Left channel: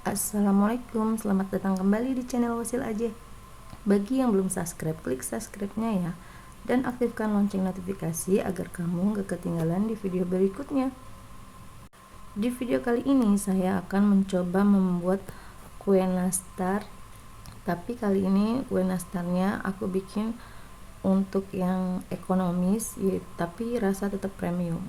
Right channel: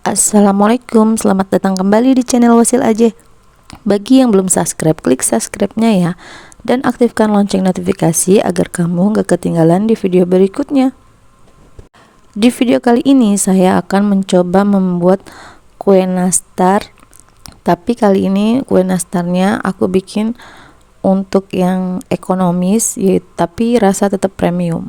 Assalamualaikum, selamat datang kembali di channel Wasil Aja. Bagi yang belum subscribe, klik subscribe-nya ya, dan aktifkan lonceng notifikasi agar kamu gak ketinggalan di video berikutnya. Di video kali ini saya akan mencoba membuat kue nastar, tapi kali ini kue nastarnya aku bikin untuk yang ekonomis, tapi rasa tetap premium.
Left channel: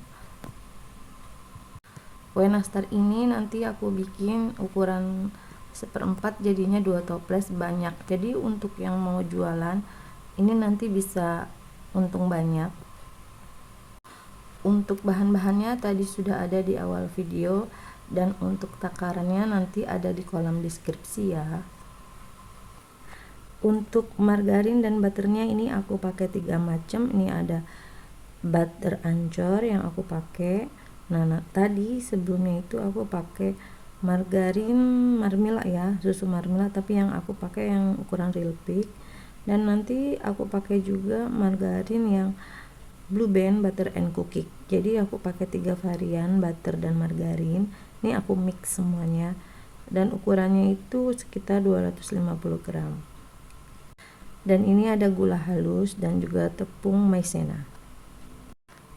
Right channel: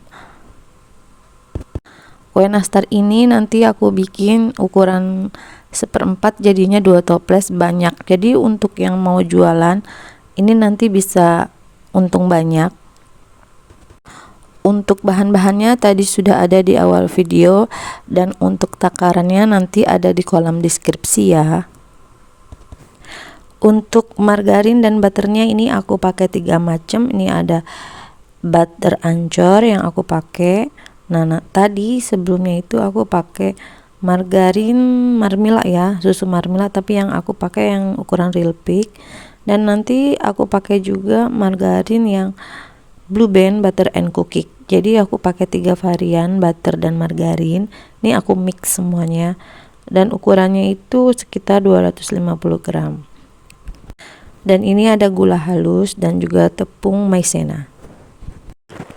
Kue nastar ini nanti aku bikin ukuran 1/4, jadinya 2 toples banyak. Jadi untuk yang mau jualan ini nanti bisa untung banyak. Untuk bahan-bahannya tadi sudah ada di awal video, dan untuk takarannya nanti ada di kolom deskripsi ya. Untuk margarin dan butternya ini aku pakai 3 macam. Ini ada butter ancur yang aku pakai. Nah, tadi sebelumnya itu aku pakai margarin Marmila ya, susu Marmila, tapi yang aku pakai yang ukuran real big. Dan nanti aku pakai juga margarin yang Blue Band butter and cookie. Jadi aku pakai 3 varian butter dan margarin. Ini aku mix semuanya, dan ukurannya itu sekitar 250 gram. Dan ini ada gula halus dan juga tepung maizena.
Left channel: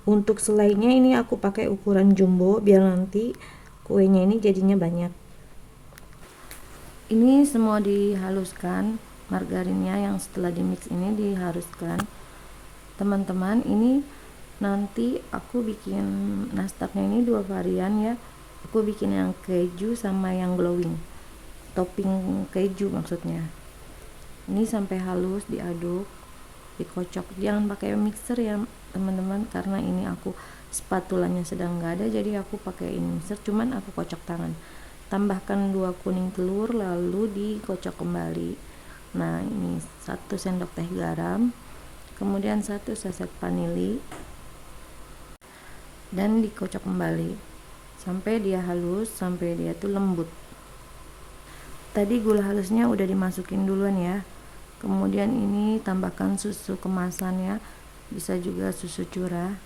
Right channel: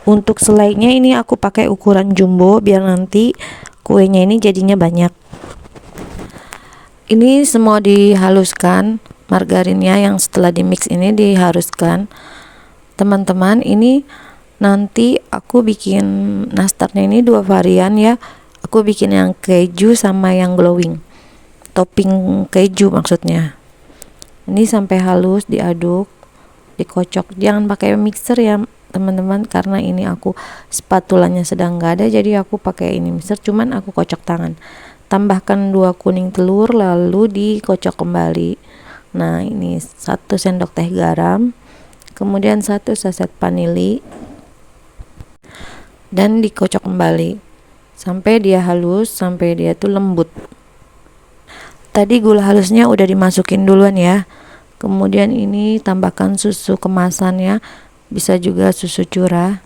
Untuk selainya ini aku pakai ukuran jumbo biar nanti kuenya ini jadinya banyak. Ini semua dihaluskan, margarinnya yang setelah di mix ini dihaluskan. Teman-teman, ini nanti aku bikin nastarnya ini 2 varian ya. Aku bikin yang keju sama yang glowing, topping keju maksudnya. Ini sampai halus diaduk, dikocok. Jangan pakai mixer ya teman-teman, karena ini aku spatulanya sedang nggak ada, jadi aku pakai ini mixer, cuman aku kocok tangan. Tambahkan 2 kuning telur lalu dikocok kembali. Nah, ini 1 sendok teh garam, kemudian 1 saset vanili, dan dikocok kembali sampai dia halus, sampai dia tuh lembut. Tadi gula halusnya udah dimasukin duluan ya. Kemudian ini tambahkan susu kemasannya, bisa juga susu curah.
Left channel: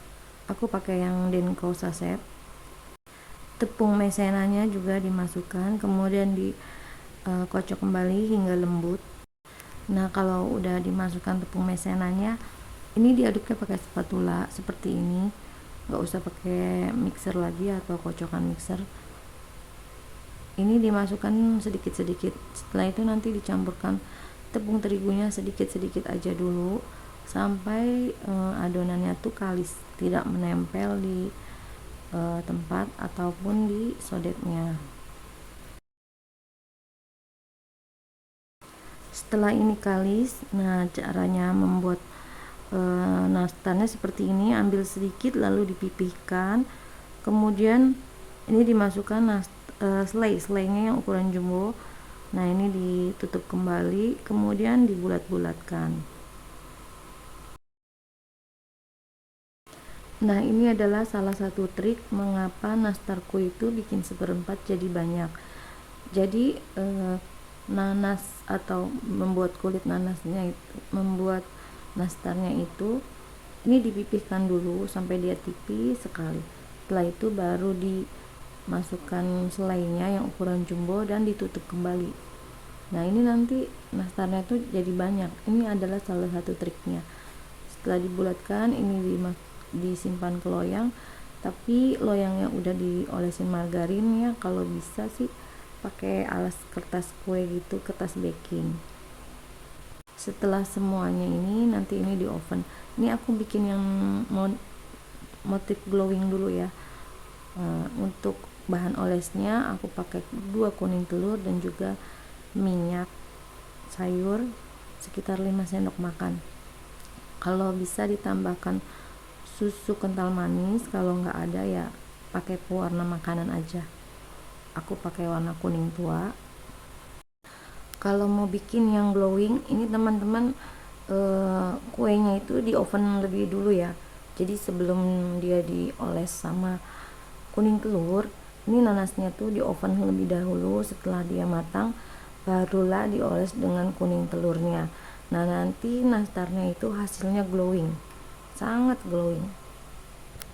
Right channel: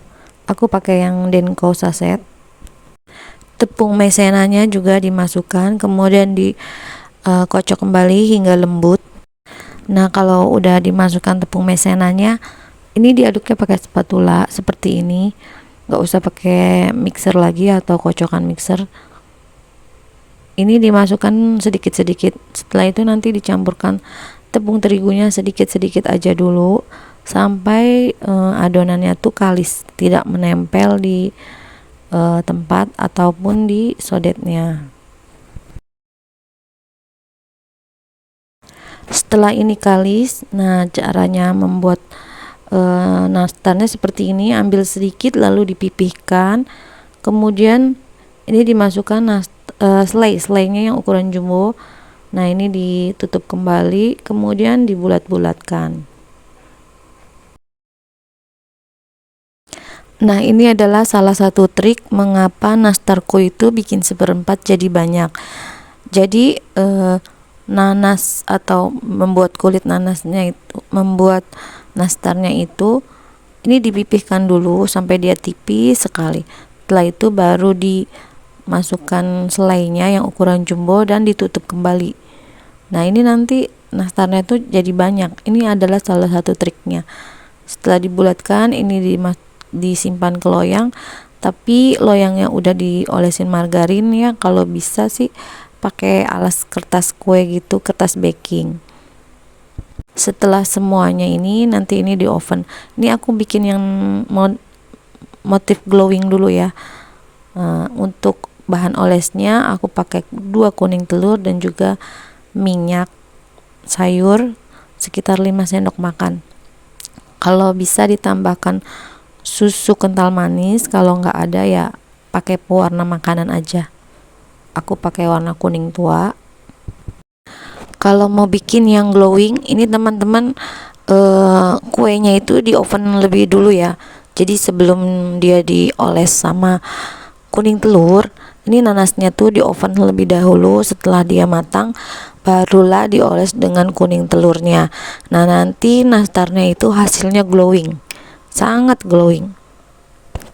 Aku pakai yang Denko saset. Tepung maizenanya juga dimasukkan, kemudian dikocok kembali hingga lembut. Nah, kalau udah dimasukkan tepung maizenanya, ini diaduknya pakai spatula seperti ini. Nggak usah pakai mixer lagi atau kocokan mixer. Ini dimasukkan sedikit-sedikit. Setelah itu nanti dicampurkan tepung terigunya sedikit-sedikit aja dulu, sampai adonannya tuh kalis, tidak menempel di tempat ataupun di sodetnya. Setelah ini kalis, nah caranya membuat nastarnya seperti ini. Ambil sedikit lalu dipipihkan, kemudian ini dimasukkan selainya yang ukuran jumbo. Nah, ini ditutup kembali, kemudian dibulat-bulatkan. Nah, ini adalah salah satu trik mengapa nastarku itu bikin 1/4 jadi banyak. Jadi nanas atau membuat kulit nanasnya itu, membuat nastarnya itu, ini dipipihkan dulu sampai dia tipis sekali. Setelah itu baru dimasukkan selainya yang ukuran jumbo dan ditutup kembali. Nah, ini nanti nastarnya itu jadi banyak. Ini adalah salah satu triknya. Setelah dibulatkan, ini disimpan ke loyang, tapi loyangnya udah diolesin margarin ya. Kalau bisa sih pakai alas kertas kue gitu, kertas baking. Setelah semuanya ini nanti ini di oven. Ini aku bikin yang motif glowing dulu ya. Untuk bahan olesnya aku pakai 2 kuning telur dan juga minyak sayur sekitar 5 sendok makan. Kalau bisa ditambahkan susu kental manis, kalau nggak ada ya pakai pewarna makanan aja. Aku pakai warna kuning tua. Kalau mau bikin yang glowing ini teman-teman, kuenya itu di oven lebih dulu ya. Jadi sebelum dia dioles sama kuning telur, ini nanasnya tuh di oven lebih dahulu. Setelah dia matang barulah dioles dengan kuning telurnya. Nah, nanti nastarnya itu hasilnya glowing, sangat glowing.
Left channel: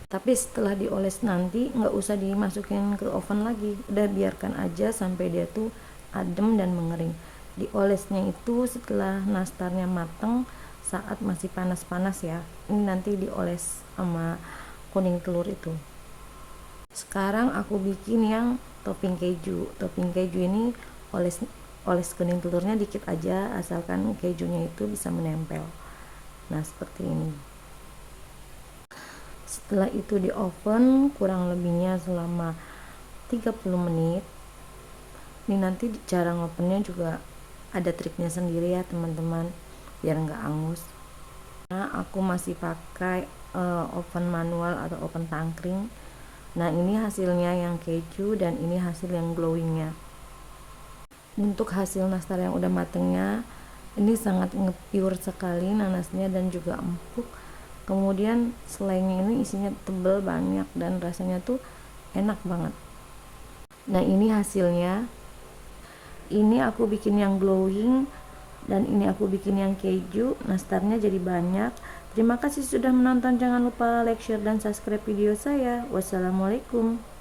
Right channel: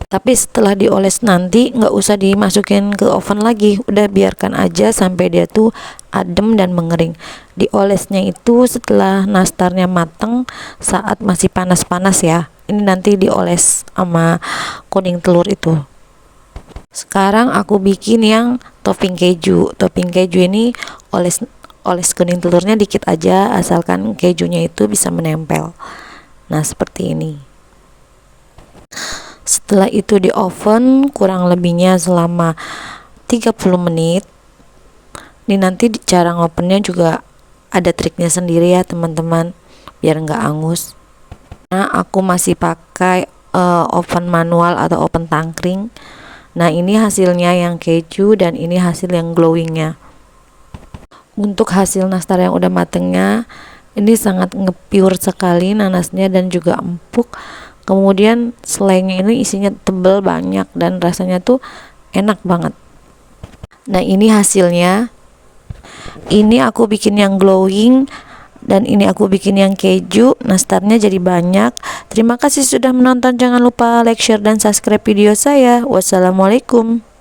Tapi setelah dioles nanti nggak usah dimasukin ke oven lagi, udah biarkan aja sampai dia tuh adem dan mengering. Diolesnya itu setelah nastarnya mateng, saat masih panas-panas ya. Ini nanti dioles sama kuning telur itu. Sekarang aku bikin yang topping keju. Topping keju ini oles oles kuning telurnya dikit aja, asalkan kejunya itu bisa menempel. Nah, seperti ini. Setelah itu di oven kurang lebihnya selama 30 menit. Ini nanti cara ngopennya juga ada triknya sendiri ya teman-teman, biar nggak angus. Nah, aku masih pakai oven manual atau oven tangkring. Nah, ini hasilnya yang keju dan ini hasil yang glowingnya. Untuk hasil nastar yang udah matengnya, ini sangat nge-pure sekali nanasnya dan juga empuk. Kemudian selainya ini isinya tebal banyak dan rasanya tuh enak banget. Nah, ini hasilnya. Ini aku bikin yang glowing dan ini aku bikin yang keju. Nastarnya jadi banyak. Terima kasih sudah menonton. Jangan lupa like, share, dan subscribe video saya. Wassalamualaikum.